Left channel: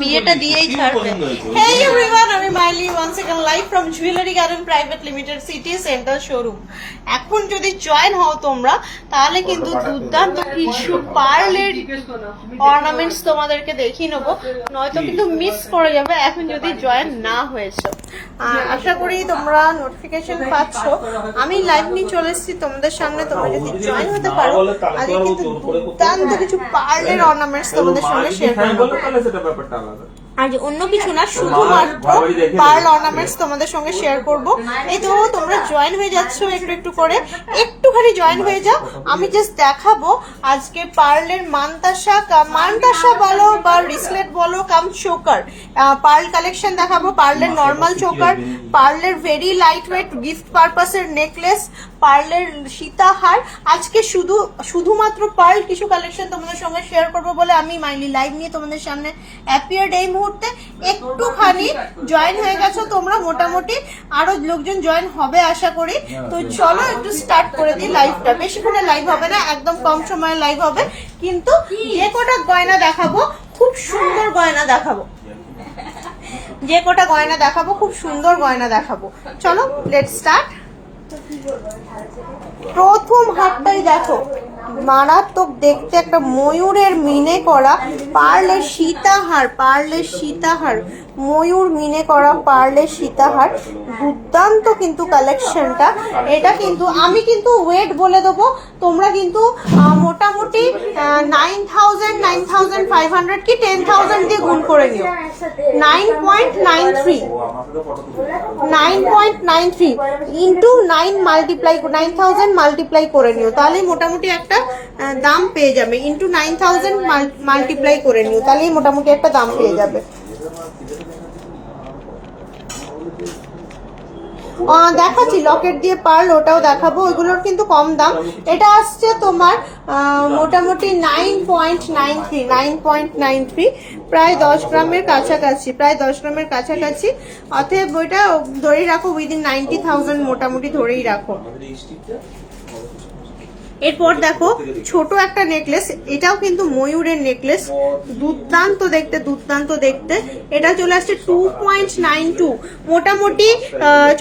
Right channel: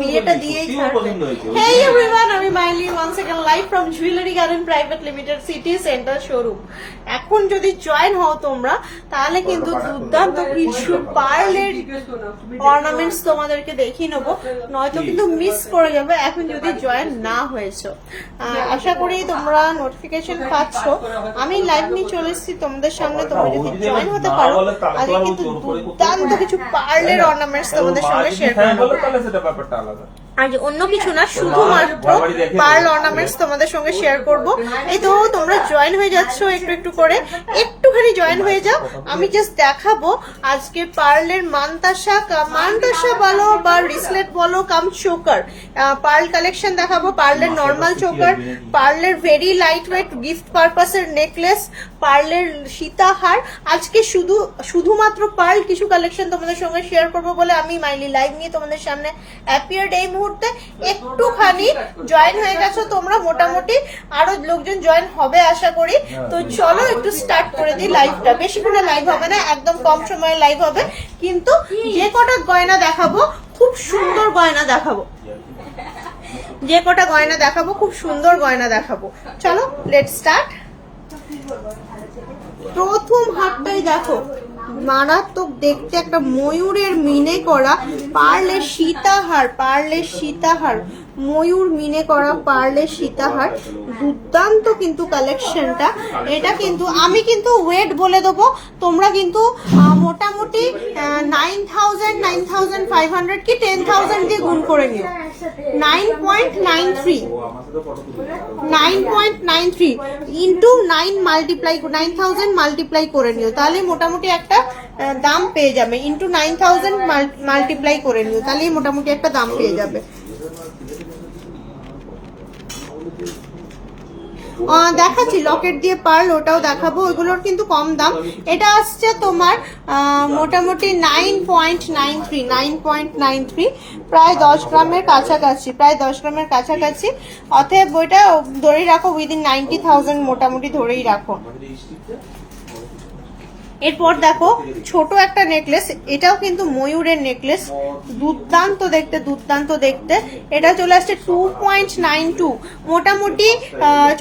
বিয়েটা দিয়েই ছাড়বে। হেই এভরিওয়ান আমি মাইলি one second live from jewellery garden private limited city centre showroom এখন যদি জয়েন হও তোমরা তাহলে কিন্তু দুর্দান্ত কিছু পার্লের অর্নামেন্টস তোমাদেরকে দেখিয়ে নেব। নয়তো কিন্তু মিস করে যাবে এখন যদি জয়েন না হয়েছে। আশা করি তোমরা নোটিফিকেশন পাচ্ছ। আমি লাইভ নিয়ে চলে এসেছি তোমাদের সামনে তোমরা যদি জয়েন হতে পারো আগে কিন্তু দুর্দান্ত কিছু পার্লের অর্নামেন্টস তোমাদের সঙ্গে শেয়ার করে নেব তাহলে সেটা ব্যাপারটা আলাদা আর অন্য কিছু না শুধুমাত্র পার্ল অর্নামেন্টস তোমাদের সঙ্গে শেয়ার করব। এই তো তোমরা জয়েন হয়ে যাচ্ছ একটু একটু করে। একটুখানি জয়েন হয়ে যাও। আমি জাস্ট দেখাবো আজকে পার্লের মানতাসা মানতাসা বলো বা রিসলেট বলো কাম চোকার পার্ল কালেকশন দেখাবো। পার্লের নর্মাল চোকার পার্লের ভেরি লাইট ওয়েট গিফট পারপাসের নেকলেস পার্লের সীতাহার। আজকে শুধু শুধুমাত্র পার্ল কিছু কালেকশন তোমাদের সঙ্গে শেয়ার করব বলে আমি মাইলি লাইভ নিয়ে তোমাদের সামনে অ্যাপিয়ার্ড এই মুহূর্তে। একটুখানি জয়েন হয়ে গেছো তোমরা মোটামুটি আরও লোকজন জয়েন হবে আশা করি। তো চলো একটু স্টার্ট করে দিই লাইভটা বেশিক্ষণে লাইভ হবে না একদম কম সময়ে লাইভ হবে। কিন্তু যে কটা গয়না দেখাবো খুব সুন্দর গয়না দেখাবো। যে কটা গয়না দেখাবো খুব সুন্দর গয়না দেখাবো। চলো লেট স্টার্ট প্রথম হাতটাই দেখো। মারাত্মক দেখতে একটা ময়ূরের মিনে করা, পারলে সীতাহার পারলে সীতাহার, ময়ূর মিনে করা, পারলে সীতাহার, দুর্দান্ত কিন্তু কালেকশনটা এটা কিন্তু, আমি কিন্তু ওয়েট বলে দেবো, তোমরা কিন্তু মোটামুটি nine thousand nine thousand five hundred কি টেন থাউজেন্ড দিয়ে গুণ করে নিও। Nine point nine three nine point nine three into nine multiply nine thousand multiply করে নিও। তাহলে মোটামুটি একটা দাম পেয়ে যাবে। ইন্টু নাইন থাউজেন্ড মাল্টিপ্লাই করে নিও। তাহলেই মোটামুটি একটা দাম পেয়ে যাবে। দেখাচ্ছি লকেট দিয়ে পার্ল ওটাও দেখাবো, ওইগুলোর কিন্তু কম দাম। এটা আসছে তোমার মোটামুটি nine point nine three nine point nine three প্রায় দশ গ্রামের কাছাকাছি, প্রায় দশ গ্রামের কাছাকাছি। অতএব ওইটা ধরেই রাখো উইদিন নাইনটি থাউজেন্ড মোটামুটি ধরেই রাখো। এরপর দেখো, ছোট একটা নেকলেস এটাও কিন্তু ময়ূরের নেকলেস দুর্দান্ত দেখতে দুর্দান্ত দেখতে। এটা চলে আসছে টু পয়েন্ট নাইন টু মোটামুটি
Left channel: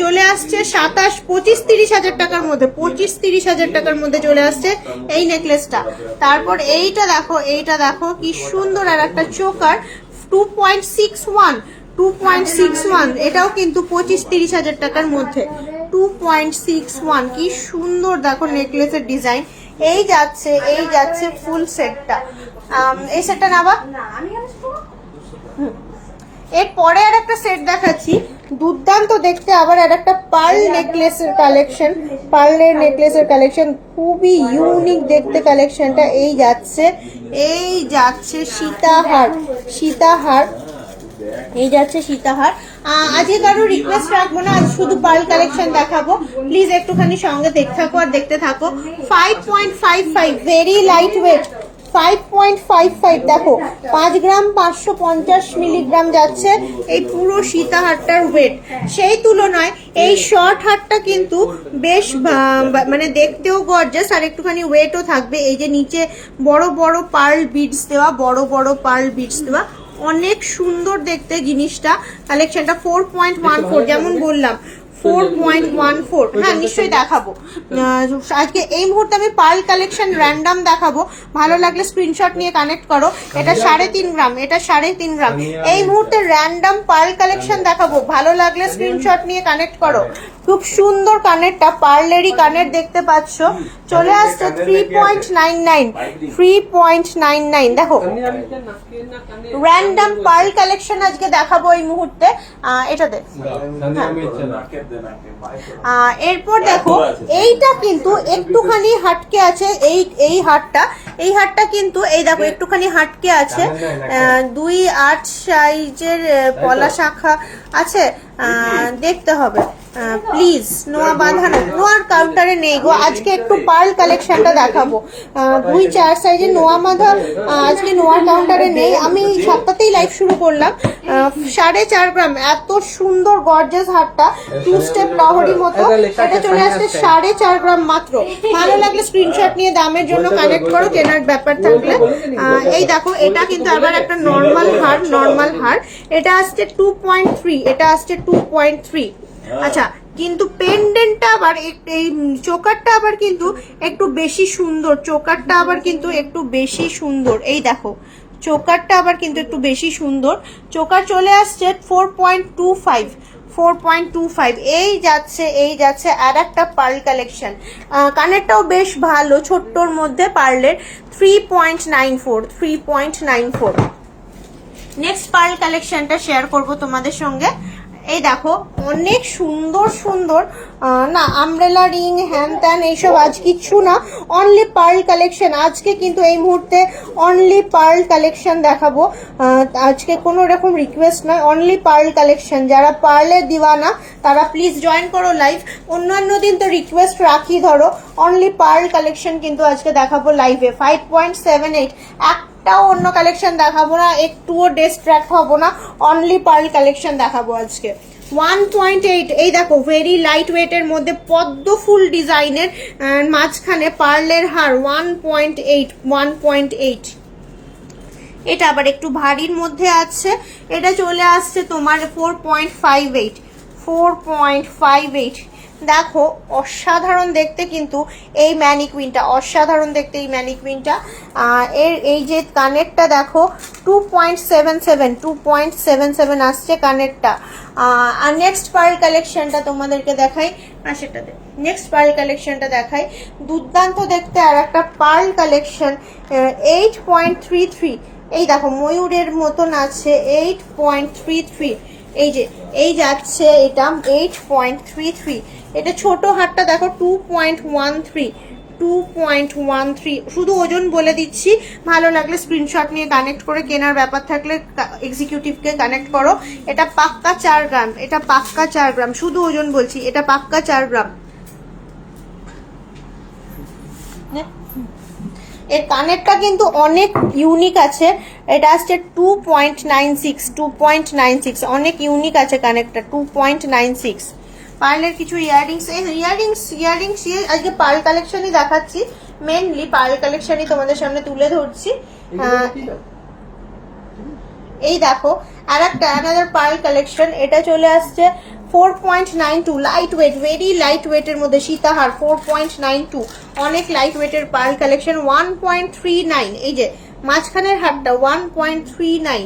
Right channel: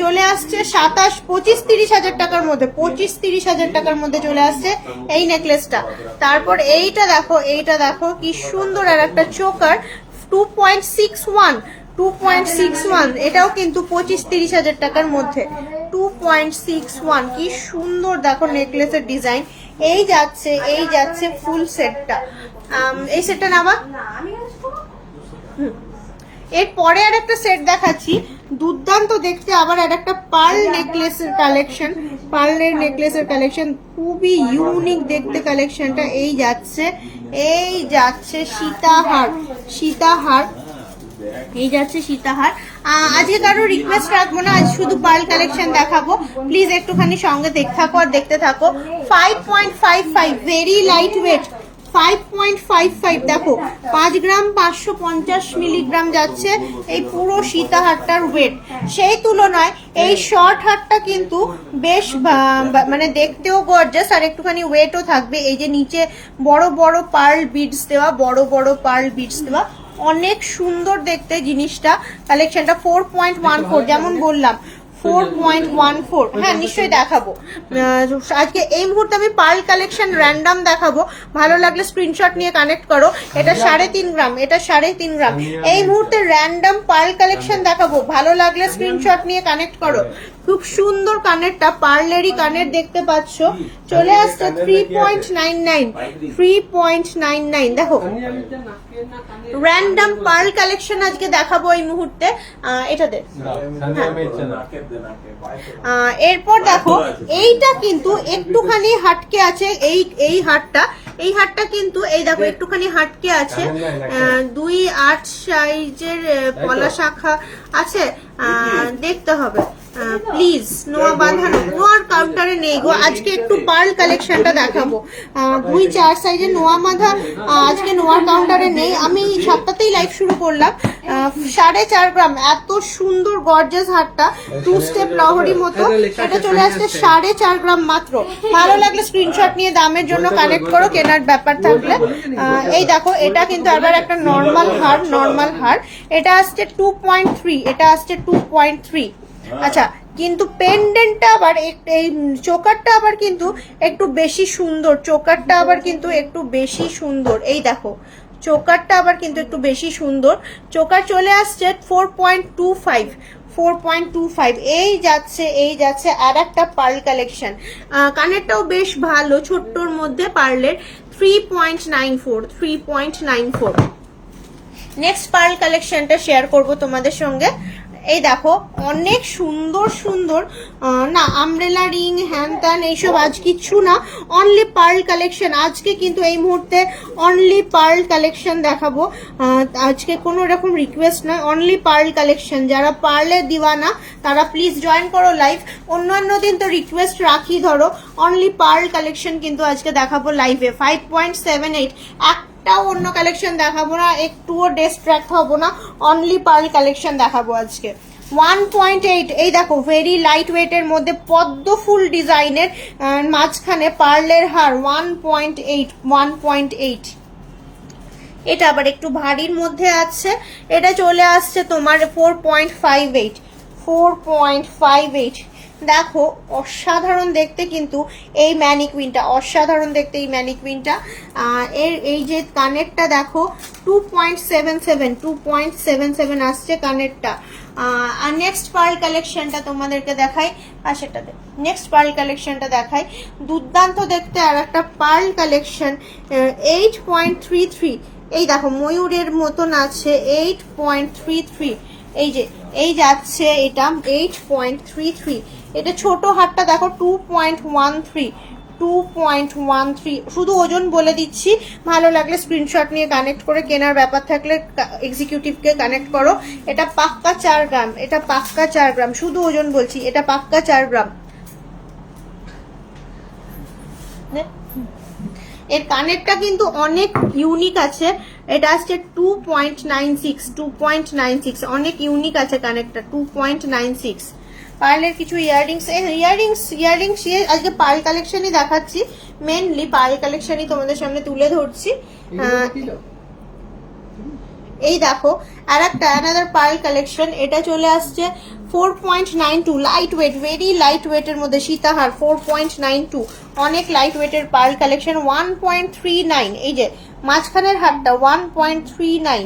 চলে আসছে সাতাশ, পঁচিশ, তিরিশ হাজার টাকার মধ্যে, পঁচিশ, তিরিশ হাজার টাকার মধ্যে চলে আসছে এই নেকলেসটা তারপর এইটা দেখো এইটা দেখো, কি সুন্দর আর একটা choker two point six one two point six one এটাও কিন্তু পঁচিশ তিরিশ হাজার টাকার মধ্যে। টু পয়েন্ট সিক্স ওয়ান কি সুন্দর দেখো নেকলেসের ডিজাইন এই যাচ্ছে এই যাচ্ছে ফুল সেটটা এই সেটটা নেবা। এরপরে আর একটা সেট দেখাচ্ছি। দুর্দান্ত দেখতে আবার আর একটা পার্ল নেকলেসের কালেকশন পার্লের নেকলেসের কালেকশন খুবই ইউনিক দেখতে কালেকশনটা এই যাচ্ছে এই যাচ্ছে সীতাহার। সীতাহার এই যাচ্ছে সীতাহার। আজকে কারও রিকোয়েস্ট রাখব না, আজ শুধু পার্ল কালেকশন দেখাবো। প্লিজ একটুখানি সঙ্গে দেখতে থাকো আর দেখতে থাকো। Five point five five very light weight five point five five দেখো, পাঁচ গ্রাম পাঁচশো পঞ্চাশ মিলিগ্রাম যাচ্ছে এই পুরো সীতাহারটার ওয়েট সেই তুলনায় এই শর্ট হারটা কিন্তু বেশ মানে দেখতেও গর্জাস আর একটুখানি ওয়েটও থাকবে। এই যে নিচে বড় বড় পার্ল বিডস দেওয়া, বড় বড় পার্ল বিডস দেওয়া অনেক সুন্দর দেখতে জিনিসটা। কালেকশনটা ফোর পয়েন্ট ওয়ান ফোর যেমন বললাম। ফোর পয়েন্ট ওয়ান ফোর হ্যাঁ নিশ্চয়ই দেখাবো। আজকে এই মুহূর্তে আমি পার্ল কালেকশন র্যান্ডম দেখাবো। ভালো লাগলে স্ক্রিনশট নিয়ে কানেক্ট করো। এটা সাড়ে তিন গ্রাম এটা সাড়ে তিন গ্রাম। এই মুহূর্তে র্যান্ডম পার্ল কালেকশন দেখাবো। ভালো লাগলে স্ক্রিনশট নিয়ে কানেক্ট করো। খুব সুন্দর কানেরটা পার্লেরই কানের দেখতে পাচ্ছ। চলে আসছে three point nine nine three point nine nine দেখো। র্যান্ডম পার্ল কালেকশন আজকে দেখাবো এই মুহূর্তে। আহ, এটা দে এরপর দেখো এইটা কিন্তু একটুখানি হাটকে আছে এই এই হাটটা। এই হাটটা কিন্তু এই দেখো একটুখানি হাটকে আছে। দুই আট সাইজের পলা শাখা আছে। দেখতে হবে। প্লিজ নোয়া বাঁধানো নোয়ার কাউন্টারে নেই গো। আজকে একটু পার্ল কালেকশনটা দেখাবো। দুই চার সাইজের নোয়া বাঁধা আজকে নোয়ার কাউন্টারে নেই। আমি সাতটাতেই লাইভ শুরু করলাম। সাড়ে চার গ্রাম। এত সুন্দর গর্জেস হারটা টু স্টেপ লহরি মতো। এটা চলে আসছে সাড়ে চার গ্রাম মাত্র। ভালো লাগলে স্ক্রিনশট নিয়ে দামের জন্য কালেক্ট করো কেনার ব্যাপার থাকলে। এই দেখো এটা কিন্তু আবার একটা নর্মাল হার নর্মাল হার। এটা আসছে টু পয়েন্ট থ্রি এটা আসছে টু পয়েন্ট থ্রি আচ্ছা কিন্তু পেন্ডেন্টটা আবার এই চোকারটা আবার কিন্তু একটু বেশি সুন্দর, চোকারটা আবার কিন্তু একটু বেশি সুন্দর। এই দেখো, চোকারটা আবার কিন্তু একটু বেশি সুন্দর। চোকার চলে আসছে four point two five four point two five এই যাচ্ছে এই যাচ্ছে আর একটা পার্ল কালেকশন। কানেরটাও বেশ ভালো, ছোট্টর মধ্যে পার্লের three point nine four three point nine four next pearl কালেকশনটা শেয়ার করব তোমাদের সঙ্গে। এই দেখো, অনেক সুন্দর সুন্দর না আমব্রেলা রিং হ্যান ত্যান এইসব আজ কিচ্ছু না অনলি পার্ল কালেকশন আজকে কিন্তু এই মুহূর্তে অনলি পার্ল কালেকশন দেখাবো। আজকে কোনো রকম রিকোয়েস্ট নয় অনলি পার্ল কালেকশন যারা পার্লের দিওয়ানা, তারা প্লিজ জয়েন করো লাইভ অন্যান্য দিন তো রিকোয়েস্ট রাখি ধরো। অনলি পার্ল কালেকশন কিন্তু আজকে দেখাবো লাইভে ফাইভ পয়েন্ট সেভেন এইট একটাও অন্য কালেকশন দেখাবো না, একটুও ডিস্ট্র্যাক্ট হব না অনলি পার্ল কালেকশন দেখাবো আজকে। ওয়ান পয়েন্ট এইট এই দেখো ভেরি লাইট ওয়েটের মধ্যে পদ্ম ফুল ডিজাইনের মাঝখানে পার্লের হার one point eight one point eight এটা আবার একটু ভারীর মধ্যে আছে, এটা চলে আসছে তোমার four point five eight four point five eight দেখো, অসাধারণ দেখতে কিন্তু এই ম্যানিকুইনটা, অসাধারণ দেখতে এই ম্যানিকুইনটা। এর, এই যে কানেরটা দেখো two point seven seven two point seven seven আসছে কানেরটা। আর নেক্সট পার্ল কালেকশনটা তোমাদেরকে দেখাই আর সেটাতে নেক্সট পার্ল কালেকশনটা দেখাই। দুর্দান্ত দেখতে আর একটা pearl collection eight point three three এই দেখো, ময়ূরের মতন আছে এইট পয়েন্ট থ্রি থ্রি এই যে, এই যাচ্ছে এটা এইট পয়েন্ট থ্রি থ্রি এটা ছোট হাটটা দেখো two point one three two point one three শুধু ওজন বলে দিচ্ছি, ভালো লাগলে স্ক্রিনশট নিয়ে কানেক্ট করে, কেনার ব্যাপার থাকলে এক্সিকিউটিভকে কানেক্ট করো। এটা পাক্কা চার গ্রাম, এটা পাক্কা চার গ্রাম। শুধু ওজন বলছি, এটা পাক্কা চার গ্রাম। এর কানেরটা কিন্তু অনেক ইউনিক আছে। এটা আসছে two point nine six two point nine six অনেক ইউনিক আছে কানেরটা টু পয়েন্ট নাইন সিক্স পার্লের কিছু ইয়াররিংস ইয়াররিংস ইয়াররিংস আজকে পার্ল কালেকশনই দেখাচ্ছি। মেনলি পার্ল কালেকশনই তোমাদের সামনে তুলে ধরছি। এই দেখো আর একটা অ্যানাদার পার্ল কালেকশন। এটা চলে আসছে four point nine two light weight very light ওয়েটের মধ্যে সীতাহার ফোর পয়েন্ট নাইন টু অনেক লাইট ওয়েটের pearl collection one point three nine এই যে মাঝখানের হারটা ওয়ান পয়েন্ট থ্রি নাইন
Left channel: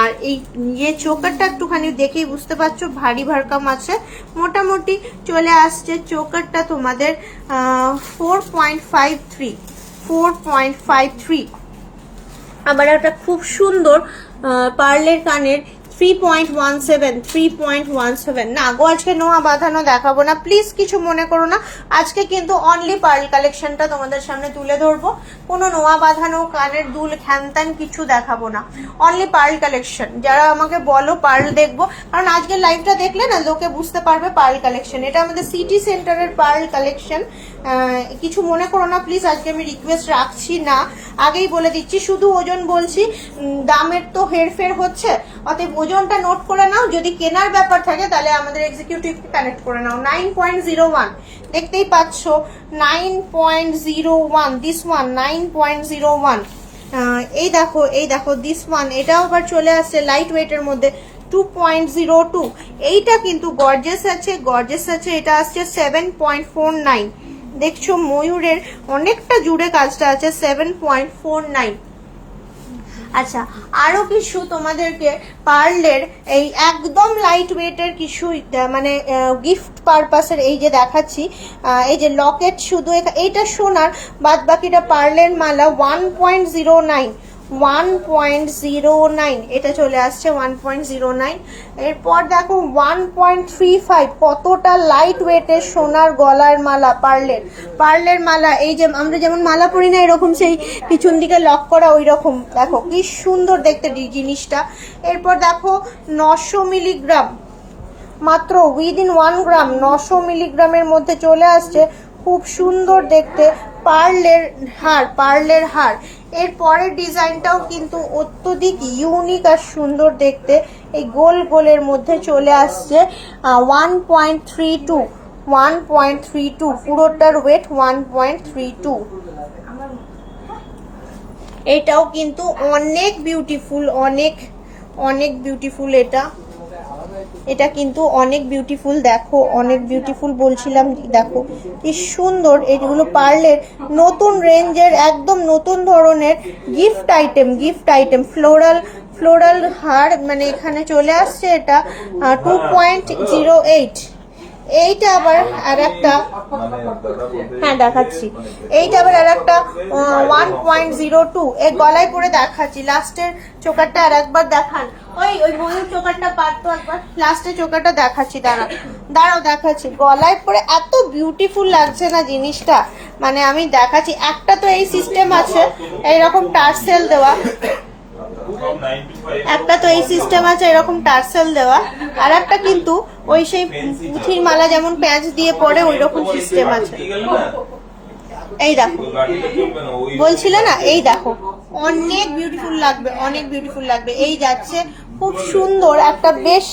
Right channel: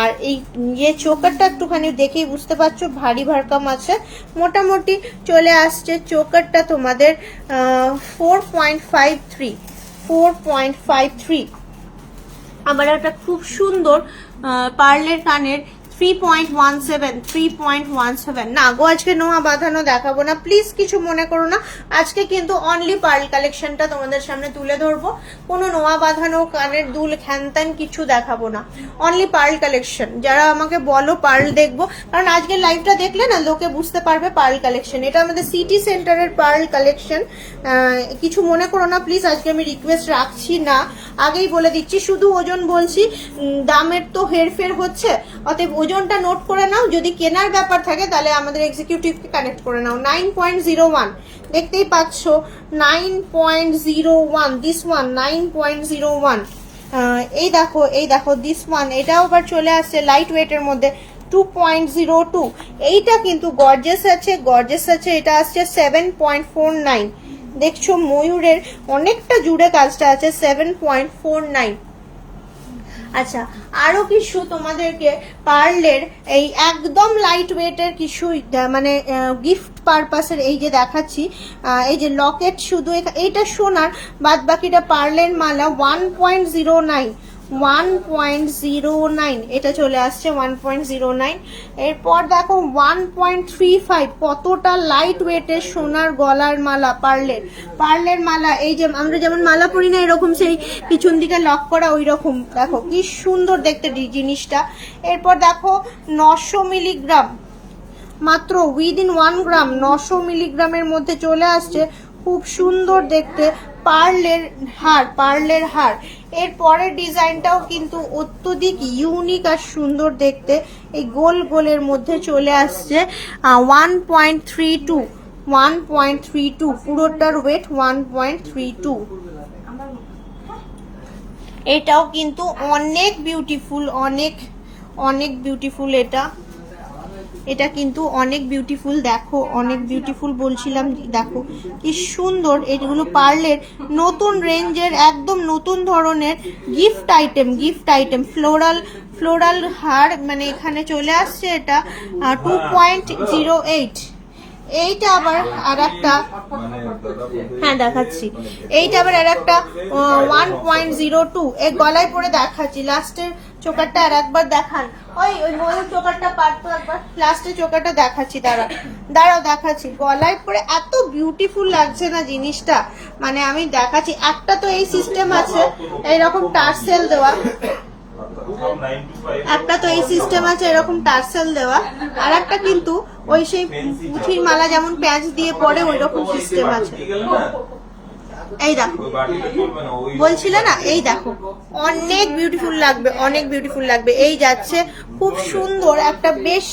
আর এই যে চোকারটা একটুখানি দেখেই বুঝতে পারছ, ভারী ভারকাম আছে। মোটামুটি চলে আসছে চোকারটা তোমাদের four point five three four point five three একটা খুব সুন্দর পার্লের কানের three point one seven three point one seven না গো আজকে নোয়া, বাঁধানো দেখাবো না। প্লিজ কিছু মনে করো না। আজকে কিন্তু অনলি পার্ল কালেকশনটা তোমাদের সামনে তুলে ধরবো। কোনো নোয়া, বাঁধানো, কানের দুল কিছু দেখাবো না। অনলি কালেকশন যারা আমাকে বলো পার্ল দেখব। কারণ আজকের লাইভটা দেখলে না লোকে বুঝতে পারবে পার্ল কালেকশন এটা আমাদের সিটি সেন্টারের পার্ল কালেকশন কিছু মনে করো না প্লিজ আজকে আমি রিকোয়েস্ট রাখছি না। আগেই বলে দিচ্ছি, শুধু ওজন বলছি। দামের তো হেরফের হচ্ছে। অতএব ওজনটা নোট করে নাও। যদি কেনার ব্যাপার থাকে, তাহলে আমাদের এক্সিকিউটিভকে কানেক্ট করে নাও। নাইন পয়েন্ট জিরো ওয়ান দেখতেই পাচ্ছ nine point zero one this one nine point zero one এই দেখো এই দেখো দিস ওয়ান এটাও আবার চলে আসছে লাইট ওয়েটের মধ্যে টু পয়েন্ট জিরো টু এইটা কিন্তু গর্জেস আছে গর্জেস আছে, এটা আসছে সেভেন পয়েন্ট ফোর নাইন দেখছ, ময়ূরের অনেকটা জুড়ে কাজটা আছে সেভেন পয়েন্ট ফোর নাইন আচ্ছা আরও কিছু তোমাদেরকে পার্লের এই একদম লাইট ওয়েটের কিছু মানে গিফট পারপাসের এই যে দেখাচ্ছি এই যে লকেট শুধু এইটা সোনার বাদ বাকিটা পার্লের মালা one point zero nine one point zero nine এটা চলে আসছে ওয়ান পয়েন্ট জিরো নাইন এরপর দেখো ওয়ান পয়েন্ট থ্রি ফাইভ কতটা লাইট ওয়েটের সোনার গলার মালা পার্লের পার্লের মালা, এই যে আমরা যেমন মালা পরি না, এরকম সেই পিছন দিকে লক করা ওই রকম দেখো কি সুন্দর দেখতে জিনিসটা। এরপর দেখো নশো মিলিগ্রাম মাত্র উইদিন ওয়ান গ্রাম নশো মিলিগ্রামের মধ্যে চলে আসছে। খুব সুন্দর দেখতে। পার্লের হার পার্লের হার। এর পরের ডিজাইনটাও কিন্তু অত্যধিক ইউনিক আর সুন্দর দেখতে। এই গোল গোলের মধ্যে চলে আসছে one point three two one point three two পুরোটার weight one point three two এটাও কিন্তু অনেক বিউটিফুল অনেক অনেক বিউটিফুল এটা। এটা কিন্তু অনেক বিউটিফুল দেখো, অনেক বিউটিফুল বলছিলাম, দেখো, কি সুন্দর। এগুলো পার্লের নতুন রেঞ্জের, একদম নতুন ধরনের gift item gift item floral floral হার মানে এখানে চলে আসছে এটা টু পয়েন্ট জিরো এইট এইটা আবার আর একটা হ্যাঁ দেখাচ্ছি। এইটা আবার আর একটা ওয়ান পয়েন্ট জিরো টু এই গলায় পরে দেখাচ্ছি। লাস্টের চোকারটা আর একবার দেখান। ওই ওই ময়ূর চোকারটা পারতো একবার। লাস্টের চোকারটা দেখাচ্ছি দাঁড়া দাঁড়াও, দেখাচ্ছি। গলায় পরে এত বিউটিফুল লাগছে না জিনিসটা। মানে আমি দেখাচ্ছি, একটা তো এই সিস্টেম আছে, এইরকম টার্সেল দেওয়া। একটা তো এই সিস্টেম আছে, এরকম টার্সেল দেওয়া। আর একটা কিন্তু ওই সেই পুঁথির মালা যেমন প্যাঁচ দিয়ে পরে ওই রকম সিস্টেম আছে। এই দেখো। বলছিলে না? এই দেখো। অনেক বিউটিফুল লাগবে অনেক বিউটিফুল লাগবে। এই যাচ্ছে খুব সুন্দর একটা বেশ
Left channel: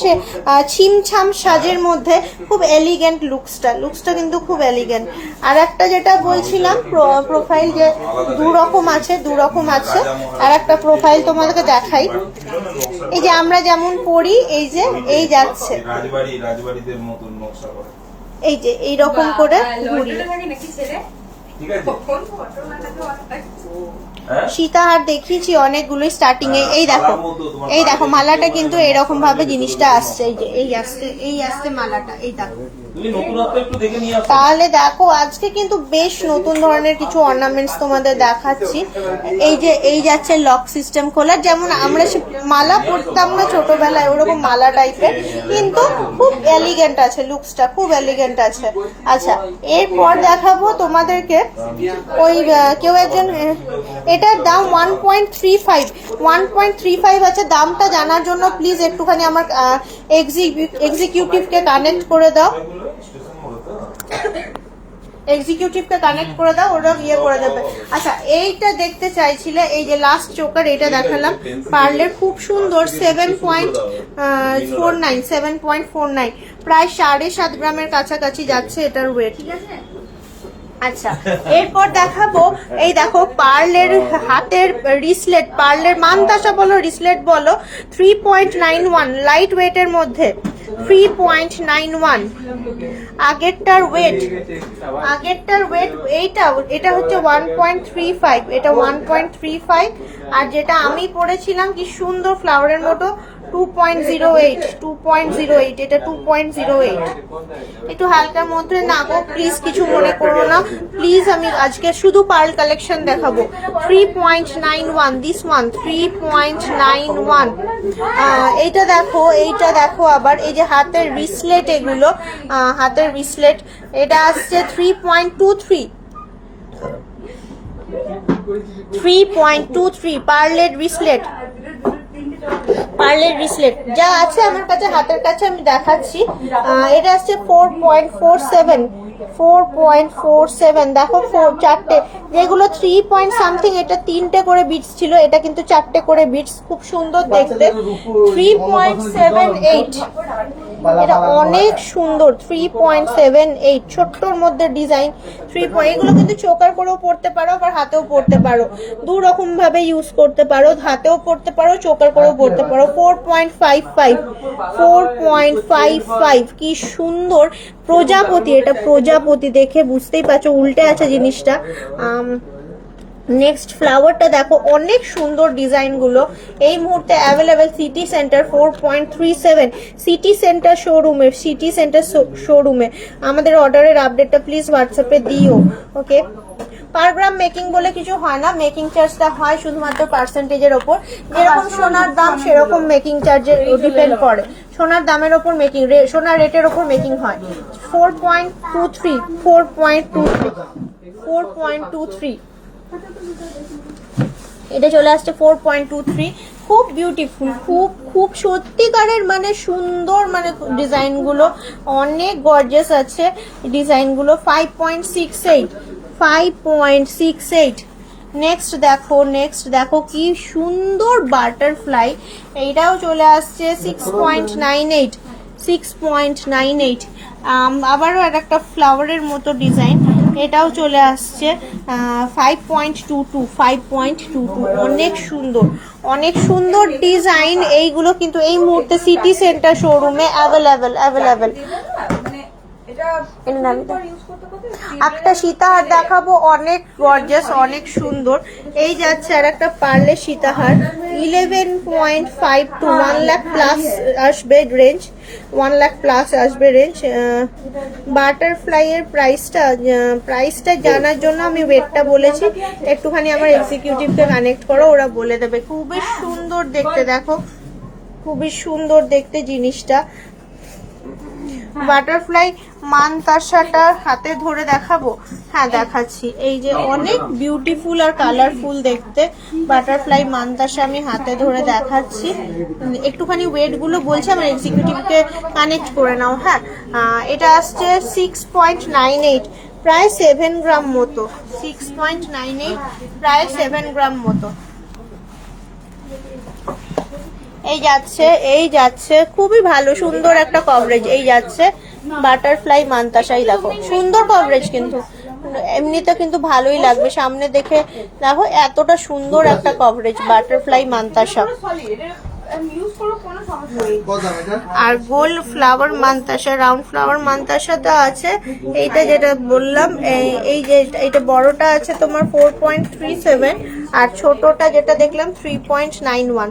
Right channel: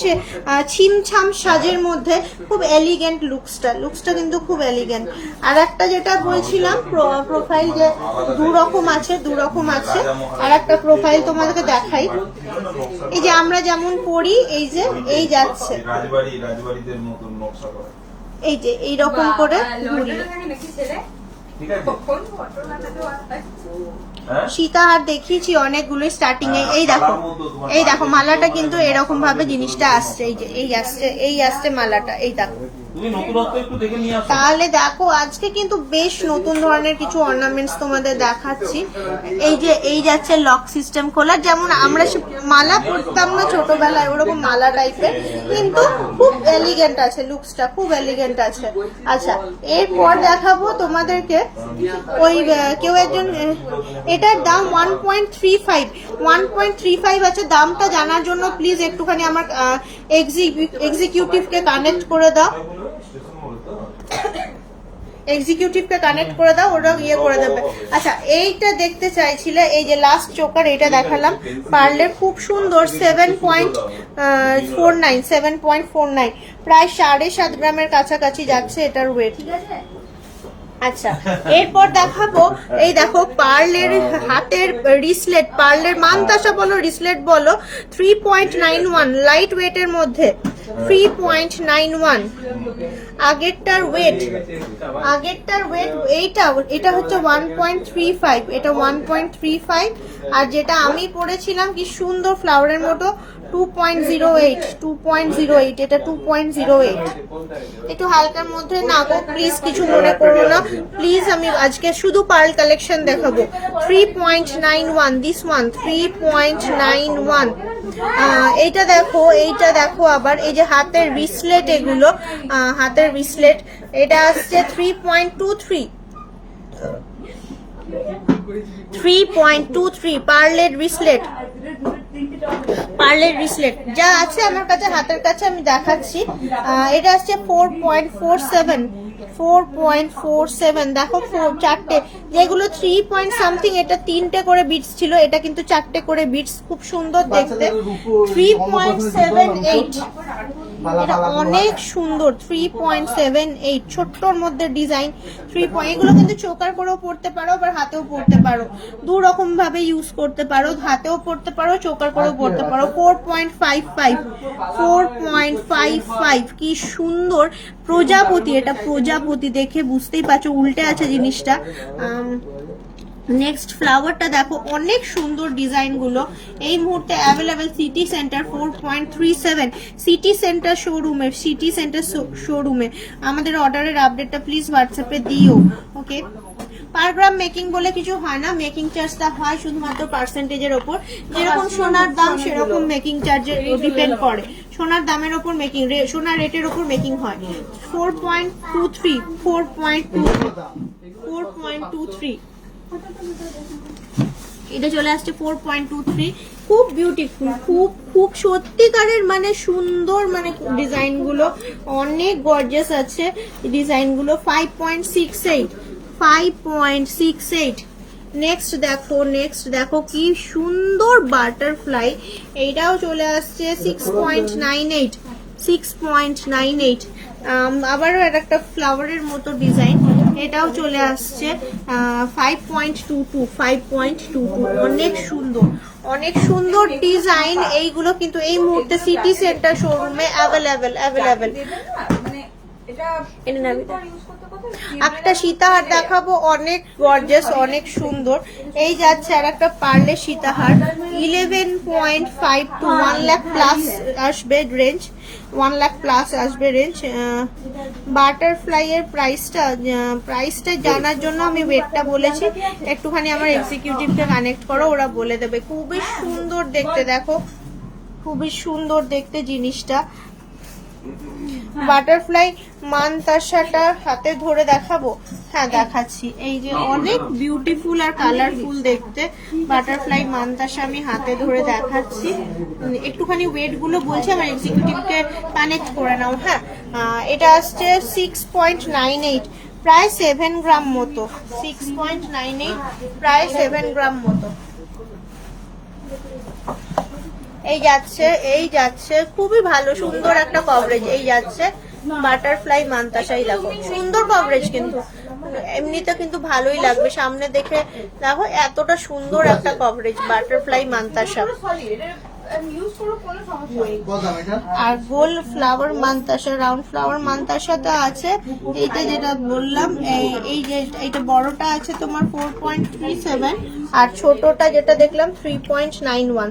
ছিমছাম সাজের মধ্যে খুব এলিগেন্ট লুকসটা লুকসটা কিন্তু খুব এলিগেন্ট আর একটা যেটা বলছিলাম প্রোফাইল যে দু রকম আছে দু রকম আছে। আর একটা প্রোফাইল তোমাদেরকে দেখাই। এই যে আমরা যেমন পড়ি এই যে এই যাচ্ছে। রাজবাড়ি রাজবাড়িদের মতন নকশা করা। এই যে এই রকম করে ঘুরি ঠিক আছে? দেখেছি সীতাহার দেখিয়েছি অনেকগুলো স্টার্টিং এ। এই দেখো এই দেখো মালাটা কিন্তু এরকম ভাবে জিনিসটা আসছে এই যে এই আসছে এই আসছে মালাটা এই দেখো তাহলে দেখো, আজকে কিন্তু বেশ নতুন ধরনের কিছু অর্নামেন্টস তোমাদের দেখাচ্ছি। এই যে, এই যাচ্ছে লক সিস্টেম খোলা। যেমন আমরা মালা পরতাম না ছোটবেলায়, ওরকম মালা টাইপের কিন্তু খুব এলিগেন্ট আছে লুকসটা খুব এলিগেন্ট আছে। আচ্ছা এরপর দেখাবো তোমাদেরকে ওই কেউ একজন এটার দাম one point three five one point three five আছে, দামটা জানার জন্য প্লিজ একটুখানি আমার এক্সিকিউটিভকে কানেক্ট করে দাও। এক্সিকিউটিভকে কানেক্ট করে দাও ওরা ইয়ে করে দেবে। আচ্ছা এইটা দেখতে চাইছিলে এই যে লাস্ট চোকার এটা দেখালাম। পার্লের খুব সুন্দর seven point four nine seven point four nine প্রায় সাড়ে সাত গ্রামের কাছাকাছি যাচ্ছে এটার ওয়েট আচ্ছা এরপর দেখাবো এই দেখো পার্লের হাতের রিসলেট পার্লের মানতাসা বলো রিসলেট বলো three point nine one light ওয়েটের মধ্যে। থ্রি পয়েন্ট নাইন ওয়ান আগেরটার ওয়েট আগেরটার ওয়েট এইটা, এটা হচ্ছে ওয়ান পয়েন্ট থ্রি ফাইভ এটা ওয়ান পয়েন্ট থ্রি ফাইভ আর যেটা আমি পড়েছিলাম কি সুন্দর ফ্লাওয়ারের মতো two point zero eight two point zero eight এটা টু পয়েন্ট জিরো এইট একটু হালকার মধ্যে না গো প্লিজ কিছু মনে করো না। প্লিজ আমি আজকে শুধু পার্ল কালেকশন দেখাবো। Three point nine one this one three point nine one এইটা দেখো এইটা দেখো আবার, এই যে হাতের রিসলেট এগুলো হাতের রিসলেট এটা আসছে three point two three three point two three পার্লের রিসলেট পার্লের রিসলেট। যা আছে আমার কাছে, হাতের কাছে আমি দেখাচ্ছি। এটা আসছে four point four seven four point four seven দেখো ফোর চারটে, যেগুলো থ্রি পয়েন্ট সামথিং এটা তিনটে করে বিটস ছিল, এটা কিন্তু চারটে করে বিটস খুব সুন্দর দেখতে। থ্রি পয়েন্ট সেভেন এইট এটা অনেক সুন্দর থ্রি পয়েন্ট সেভেন এইট ছোট্টর মধ্যে ডিজাইন থ্রি পয়েন্ট এগুলো কিন্তু চোকার করেও পড়তে পারো, আবার হাতেও পড়তে পারো। দু রকম ভাবে ইউজ করতে পারো, হাতেও পড়তে পারো চোকার করেও পড়তে পারো। Four point five five four point five five কি সুন্দর। প্রজাপতি, এটা প্রজাপতি দেখে বুঝতেই পারছ, উল্টে আছে জিনিসটা। নেক্সট ফ্লাওয়ারটা দেখো, অনেক সুন্দর ডিজাইনগুলো। এই মুহূর্তে available city centre four point three seven city centre শোরুমে সিটি সেন্টার শোরুমে আমাদের অর্ডারের আপডেটটা প্লিজ হোয়াটসঅ্যাপে দিও ওকে পার গ্রাম মেকিং বলে কিছু হয় না। মেকিং চার্জটা হয় শুধুমাত্র পার্সেন্টেজের ওপর। যেরকম সোনার দাম সেরকম মেকিং চার্জের ডিপেন্ড করে। সোনার দামের ওপর মেকিং সোনার রেটের ওপর মেকিং হয়। Four point two three four point two four point two three এটা চলে আসছে ফোর পয়েন্ট টু থ্রি খুব বিউটিফুল খুব খুব সত্যিকারের মানে সুন্দর মানে ডিজাইনগুলো অনেক গর্জেস আছে ডিজাইনগুলো five point six eight five point six eight next দেখো নেক্সট দেখো কি সুন্দর বাটারফ্লাই এইটাও চলে আসছে six point nine eight six point nine eight আবারও আর একটা ফ্লাওয়ারের মতো ডিজাইন এটাও চলে আসছে five point two two five point two two অনেক সুন্দর অনেক সুন্দর ডিজাইন এইগুলো কিন্তু এই মুহূর্তে সিটি সেন্টার শোরুমে অ্যাভেলেবেল অ্যাভেলেবেল একটা সীতাহার দেখাবো অনেক গর্জাস অনেক সুন্দর। এই যাচ্ছে আর একটা পার্লে সীতাহার। Eleven point five two one lakh plus আসবে রেঞ্জ ওয়ান লাখ প্লাস আসবে রেঞ্জ বাটারফ্লাই এর প্রাইসটা প্রাইসটা জানার জন্য আমি ওয়েটটা বলেছি। একটুখানি আমার এক্সিকিউটিভকে কানেক্ট করো ওরা বলে দেবে। খুবই সুন্দর দেখতে দেখো। খুবই সুন্দর দেখতে জিনিসটা। বাটারফ্লাই মানতাসাটা হাতে ধরে দেখাবো? হ্যাঁ দেখাচ্ছি। এই যে অনেক বিউটিফুল আর কালারফুল দেখতে বাটারফ্লাই মানতাসা আমি হাতে ধরে দেখাচ্ছি। একটুখানি ওয়েটগুলো বলছি, আমার এক্সিকিউটিভকে কানেক্ট করে নাও। হ্যাঁ এটা আসছে সিক্স পয়েন্ট নাইন এইট প্রায় সেভেন গ্রাম মতো। সিক্স পয়েন্ট নাইন এইট প্রায় সেভেন গ্রাম মতো। এই যাচ্ছে এই যাচ্ছে। খুবই ভালো, সুন্দর একটা কভারেজ এই যাচ্ছে বাটারফ্লাই মান্তাসাই, দেখো। সুন্দর কভারেজ কিন্তু। এমনিতে কিন্তু ভালোই লাগবে। সামনে দেখে, দেখো, এতটা সুন্দর একটা কভারেজ বাটারফ্লাই মান্তাসা। আর গোল ফ্লাওয়ার মান্তাসা রাউন্ড ফ্লাওয়ার মান্তাসাটা আছে। এইটা যেটা বললাম এই- এই যে এটা বড়টা আছে তোমার ফোর পয়েন্ট থ্রি সেভেন আর ছোটটা যেটা দেখলাম থ্রি পয়েন্ট নাইন ওয়ান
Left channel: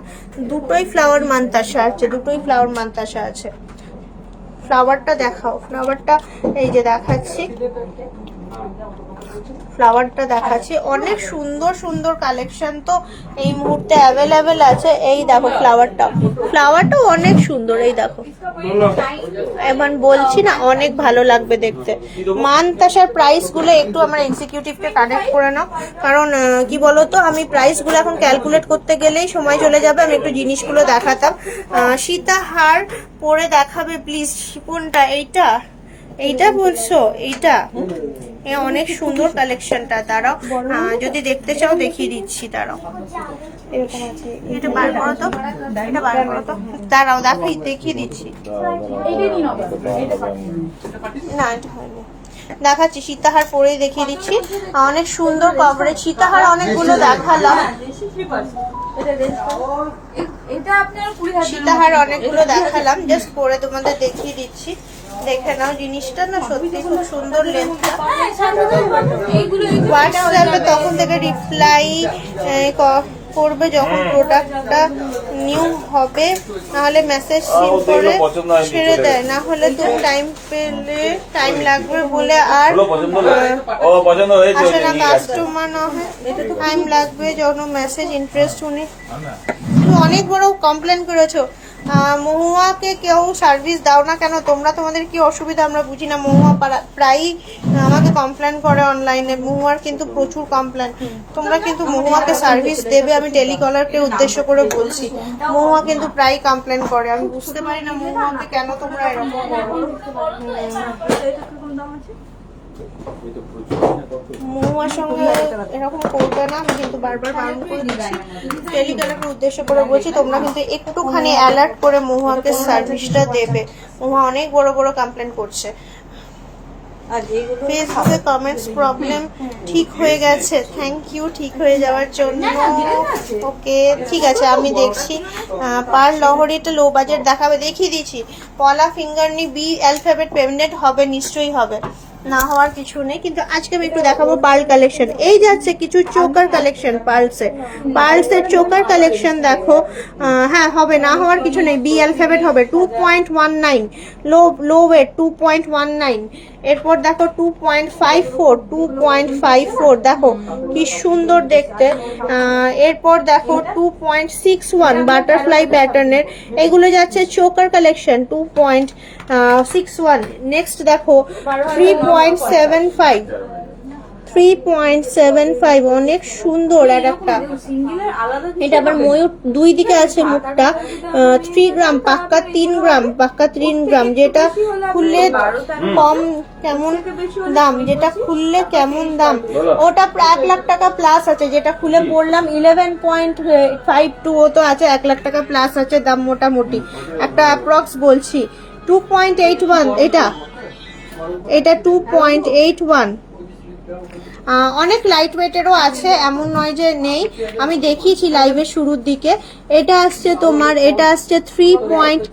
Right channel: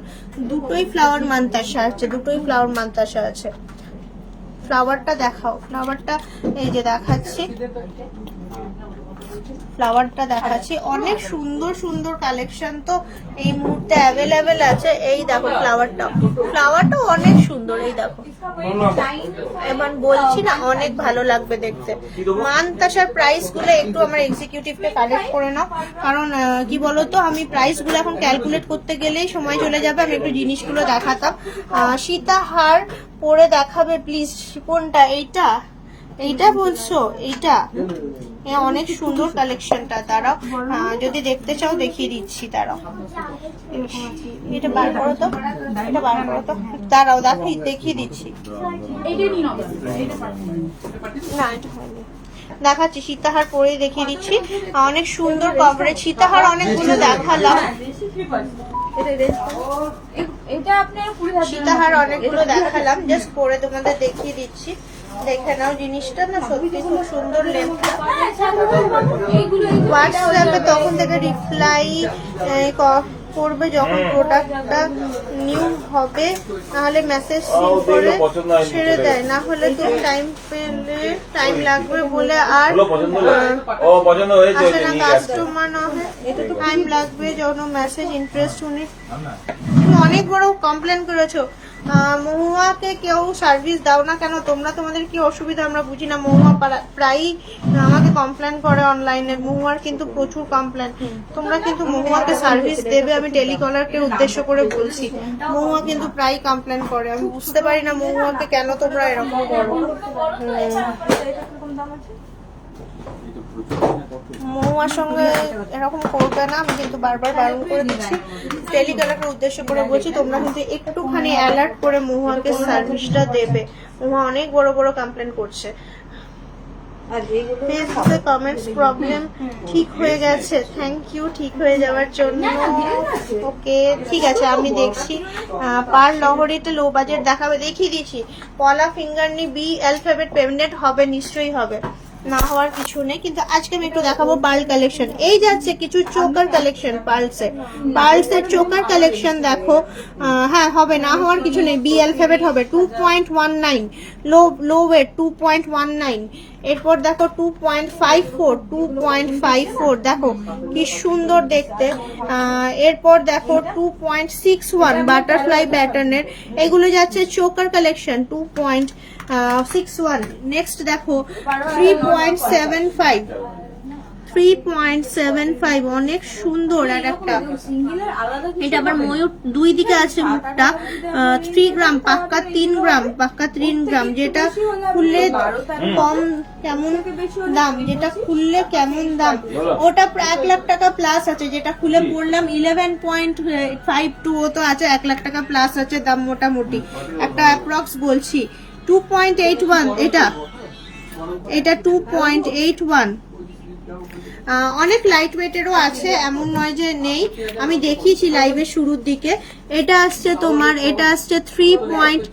দুটোই ফ্লাওয়ার মান্তাসা আছে দুটোই ফ্লাওয়ার মান্তাসা আছে। ফ্লাওয়ারটা দেখাও ফ্লাওয়ারটা এই যে দেখাচ্ছি। ফ্লাওয়ারটা দেখাচ্ছি। অনেক সুন্দর সুন্দর কালেকশন তো এই মুহূর্তে অ্যাভেলেবেল আছে। এই দেখো ফ্লাওয়ারটা ফ্লাওয়ারটা অনেক সুন্দর, এই দেখো। এমন বলছি না, অনেক ভালো লাগবে দেখতে। মান তাসার প্রাইসগুলো একটু আমার এক্সিকিউটিভকে কানেক্ট করে নাও। কারণ কি বলতো, আমি প্রাইসগুলো এখন ক্যালকুলেট করতে গেলেই সময় চলে যাবে, আমি একটু জিনিসগুলো দেখাতাম। সীতাহার পরে দেখাবে প্লিজ কোনটা? এইটা? এইটা বলছো? এইটা? অনেক সুন্দর কালেকশনটা আহ, যদি দেখতে চাও দেখিয়ে দিচ্ছি দাঁড়াও। এরকম আছে এটা দাঁড়াও দেখাই দেখিয়ে দিচ্ছি। না দেখাচ্ছি সীতাহার পরেই দেখিয়ে দিচ্ছি। অনেক সুন্দর কভারেজ সীতাহার অনেকগুলো দেখালাম। সীতাহার অনেকগুলো দেখালাম। জাস্ট পরে তোমাদের দেখিয়ে দিচ্ছি। দেখে নাও জিনিসটা না সত্যি খুব সুন্দর লেন্থটা হোয়াটসঅ্যাপে তখন থেকে রিপ্লাই করবে যখন প্রোডাক্টটা নিউ হবে নাহলে মেসেজ সিন করে ছেড়ে দেয়। না হলে তুমি টাইম পেলে টাইম লাগবে বলে আর আসে না কাস্টমার না হয়। টাইম লাগবে যখন মেসেজ ইন্টারেস্ট উনি তুমি অনেক বড় কমপ্লেন করেছ। মহুয়াকে কেউ সার্ভিস দাও না কেন? তোমরা তোমাদের কি অসুবিধা? আমরা বুঝি না। মহুয়া প্রায়ই আমাকে কমপ্লেন করে অনলাইনে মহুয়ার কিন্তু প্রচুর কমপ্লেন তোমরা কিন্তু মহুয়াকে সার্ভিস দেবে। আমি টেলিকলারকে উদ্দেশ্য করে বলছি। মহুয়া কিন্তু প্রায়ই কমপ্লেন করে। আমি বুঝতে পারি না মহুয়াকে কেন তোমরা এরকম করো। মহুয়ার সঙ্গে এরকম করবে না আমি কিন্তু বারবার বারণ করে দিচ্ছি। টেলিগ্রামের উদ্দেশ্য করে বলছি তোমরা কিন্তু একটুখানি অ্যালার্ট করে মহুয়াকে সার্ভিসটা দেবে। মহুয়া অনেক বড় বড় কমপ্লেন করছে। ফেসবুকে কমেন্টস প্রবলেম ঠিক হয়ে গেছে। থ্যাংক ইউ ঠিক হয়ে যাওয়ার জন্য। ওকে ঠিক আছে আমি দেখছি। পার লহরিতে লো বাজেট দেখাবে দেখিয়ে দিচ্ছি পলা ফিঙ্গার নি বি অ্যালফাবেট পেমেন্ট হবে নিশ্চয়ই হবে। না হওয়ার কিছু নেই, কিন্তু আজকে আমি একটু দেখাবো পার্ল কালেকশন। এই যাচ্ছে কিছু চোকার কালেকশন পার্লসে। পার্লসের চোকার কালেকশন দেখো হ্যাঁ হবে, না হওয়ার কিছু নেই। বি অ্যালফাবেট হবে two point one nine low low weight two point one nine এরপর দেখো two point five four two point five four দেখো কি সুন্দর দেখতে। এরপর দেখো two point six one butterfly প্যাটার্নের এগুলো যাচ্ছে choker collection two point six one next দেখো three point seven five three point seven five অনেক সুন্দর আর একটা। এটা আবার ময়ূর, দুই দিকে আছে মুখটা থ্রি গ্রাম পাক্কা তিন গ্রাম পাক্কা তিন গ্রাম যেটা খুললে কম কেমন দাম, যেটা খুললে কেমন দাম। ওটা এক লাখ টাকা প্লাস আছে, যেটা খুলে পড়লাম ইলেভেন পয়েন্ট ফাইভ টু ও তো আছে এক লাখ টাকা প্লাস আছে দাম মোটামুটি। একটা অ্যাপ্রক্স বলছি। টু পয়েন্ট এইট ওয়ান এটা? এটা টু পয়েন্ট এইট ওয়ান অনেক লাইট ওয়েটেরও আছে, এমন নয় যে নেই। আমি দেখিয়েছি লাইভের শুরুর দিকে। এটা আসছে তোমার, এটা আসছে three point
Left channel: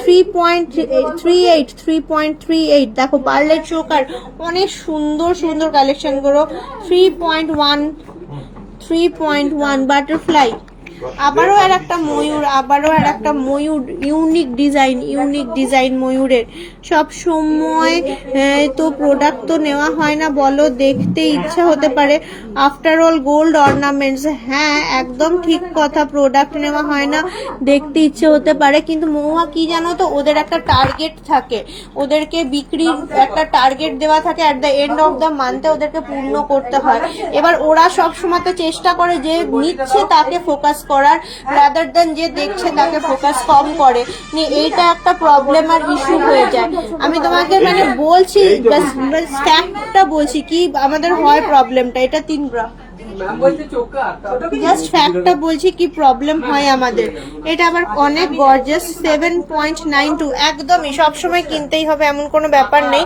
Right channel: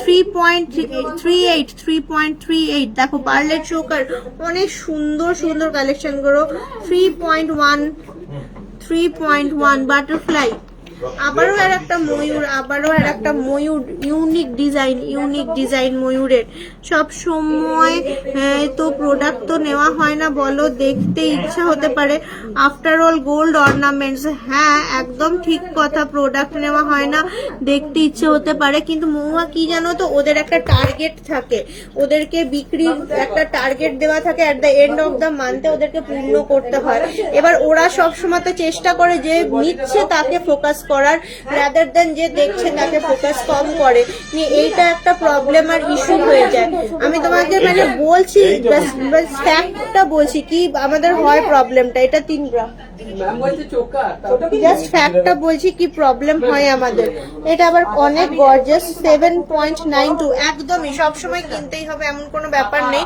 three point three eight three point three eight দেখো পার্লেট চোকার অনেক সুন্দর সুন্দর কালেকশনগুলো three point one three point one butterfly আবারও আর একটা ময়ূর, আবারও আর একটা ময়ূর ইউনিক ডিজাইন ইউনিক ডিজাইন ময়ূরের। সব সময় তো প্রোডাক্ট তো নেওয়া হয় না বলো, দেখতে ইচ্ছা হতে পারে। আফটার অল গোল্ড অর্নামেন্টস হ্যাঁ একদম ঠিক কথা প্রোডাক্ট নেওয়া হয় না, দেখতে ইচ্ছে হতে পারে। কিন্তু মহুয়া কি জানো তো, ওদের একটা টার্গেট থাকে। ওদেরকে বিক্রির একটা টার্গেট দেওয়া থাকে at the end of the মান্থে ওদেরকে পূর্ণ করতে হয়। এবার ওরা সবসময় তো চেষ্টা করে যে নিচ্ছে, তাকে ফোকাস করার রাদার দেন যে দেখছে তাকে ফোকাস কম করে এইটা একটা প্রবলেম আর ইস্যু হয়ে যায়। আমি তোমাকে মানে বলছি বলছি কি আমাদের হয় প্রবলেমটা এটা তিন গ্রাম জাস্ট ফ্যাক্টটা বলছি কি প্রবলেম হয় আমাদের। এটা আবার অনেক gorgeous seven point nine two একদমই সবসময় কিনতেই হবে, এমন কোনো ব্যাপার নেই।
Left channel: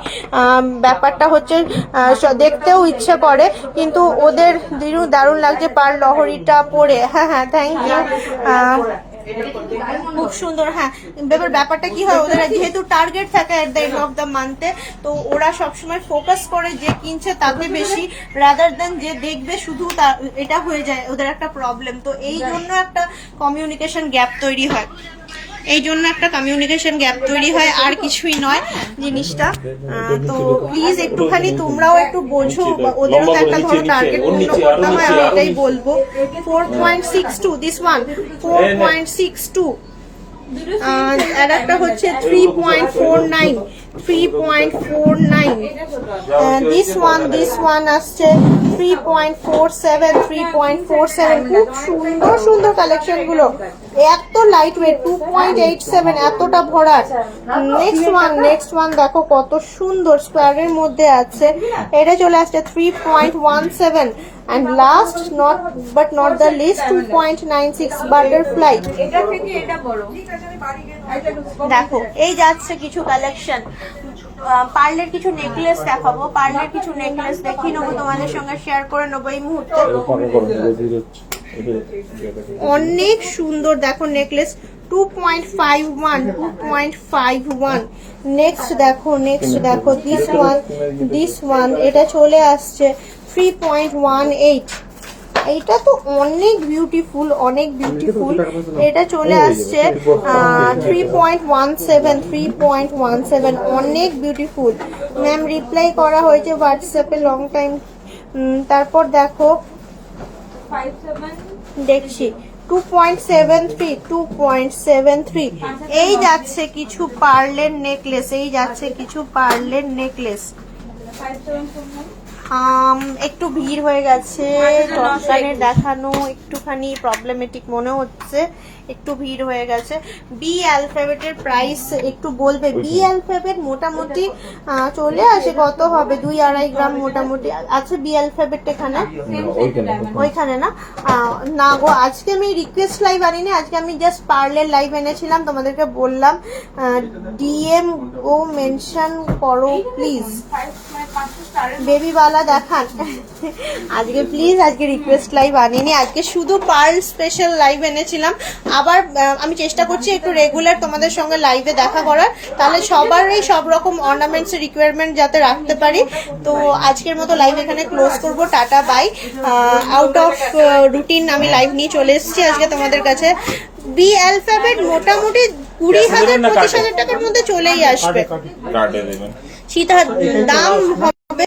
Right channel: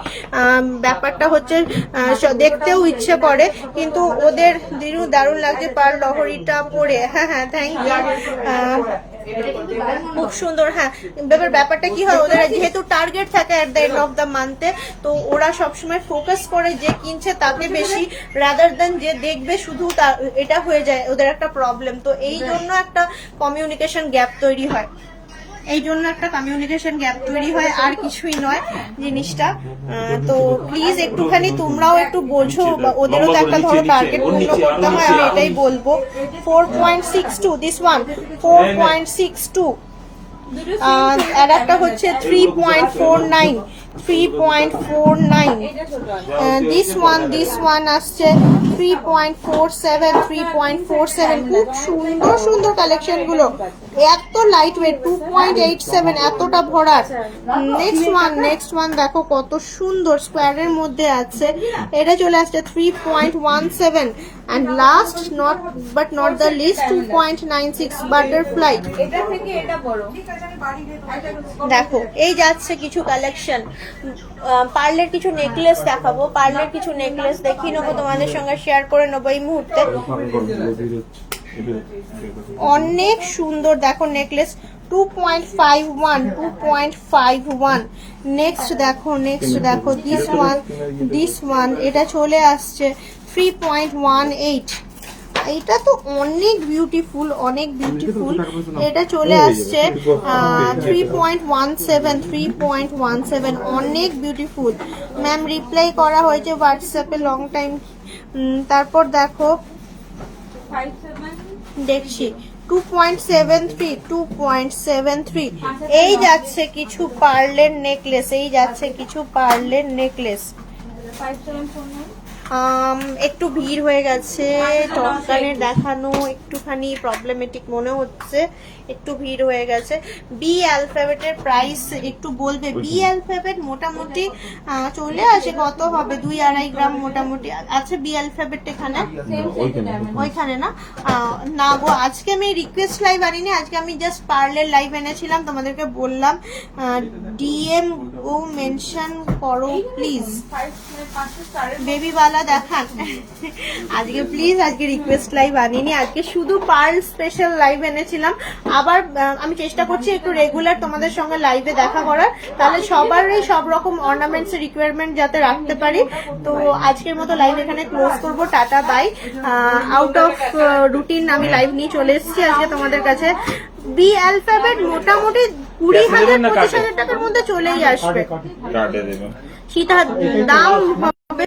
ব্যাপারটা হচ্ছে দেখতেও ইচ্ছে করে, কিন্তু ওদের দিনু দারুণ লাগছে, পার লহরিটা পরে হ্যাঁ হ্যাঁ থ্যাংক ইউ খুব সুন্দর হ্যাঁ এবার ব্যাপারটা কি হয় ওদের যেহেতু টার্গেট থাকে at the end of the মান্থে তো ওরা সবসময় ফোকাস করে যে কিনছে তাকে বেশি রাদার দেন যে দেখবে শুধু তা- এটা হয়ে যায় ওদের একটা প্রবলেম তো এই জন্য একটা কমিউনিকেশন গ্যাপ তৈরি হয়। এই জন্য একটা কমিউনিকেশন গ্যাপ তৈরি হয় আর কিছুই নয় জিনিসটা। তো প্লিজ একটুখানি তোমরাও একটু বোঝো বা ওদেরও তো একটা ধরো টার্গেট পূর্ণ করতে হয় আমি এটাই বলব। Four point six two this one four point six two আর আর একটা হচ্ছে three point four nine three point four nine this one this one আসছে three point four seven three point four seven খুব সুন্দর সুন্দর কালেকশনগুলো এত light weight two point eight seven এতটা ভরার নেক্সট ওয়ান নেক্সট ওয়ান দেখো কত সুন্দর স্কোয়ারের মধ্যে আছে। এটা চলে আসছে three point one seven and last not but not the least two point nine six butterfly দেখো এই যাচ্ছে কিছু কালেকশন পার্লের কিছু নেকলেস দেখাবো। পার্লের কিছু নেকলেস দেখিয়ে নেব তোমাদের সঙ্গে শেয়ার করে নেব এই মুহূর্তে। অনেক সুন্দর দেখো necklace two point five one two point five one next দেখো নেক্সট দেখো দিস ওয়ান দিস ওয়ান এটা চলে আসছে। থ্রি পয়েন্ট ওয়ান এইট এটা তো অনেক বিউটিফুল অনেক বিউটিফুল এটা চলে আসছে three point one seven three point one seven অনেক বিউটিফুল ম্যাম রিপ্লাই করা হয়েছে হোয়াটসঅ্যাপে লং টাইম তারপর দেখো দেখছি two point seven three two point seven three এই যাচ্ছে কিছু পার্লের নেকলেস এই যাচ্ছে কিছু পার্লের নেকলেস ফাইভ সেভেন একটু ভিড় হয়ে গেছে টপকানের দেখানো একটুখানি প্রবলেমেটিক মনে হচ্ছে। একটু ভিড় হয়ে গেছে। বি অ্যালফাবেটের প্রাইস একটু বলবে। বি অ্যালফাবেট মোটামুটি চলে আসে কত হবে? দুই আড়াই গ্রাম মোটামুটি আছে বি অ্যালফাবেট এখানে? ওইখানে না? না গো, আজকে আমি রিকোয়েস্ট লাইভ আনিনি। আজকে আমি জাস্ট পার্লের লাইভ এনেছিলাম। তোমাদেরকে বললাম ডিএম ও মেনশন করো প্লিজ ফাইভ মানে পাঁচশো স্টারের বেবি বালা, দেখান। আজকে প্লিজ আজকে রিকোয়েস্ট লাইভ আনিনি। আজকে শুধু পার্ল স্পেশাল লাইভ এনেছিলাম। আবার আমি চেষ্টা করছি একটু রেগুলার তোমাদের সঙ্গে লাইভে দেখা করার। তাহলে সবারই সব রকম অর্নামেন্টস রিকোয়ারমেন্ট যাতে রাখতে পারি। তো আজকের মতো লাইভ এখানে ক্লোজ করব। Tata bye out of routine আমি লাইভ নিয়ে চলে এসেছি আজকে তোমাদের কাছে। বি অ্যালফাবেট মোটামুটি কুড়ি হাজার পঁচিশ হাজার টাকার মধ্যে চলেই আসবে। সীতা দাম হবে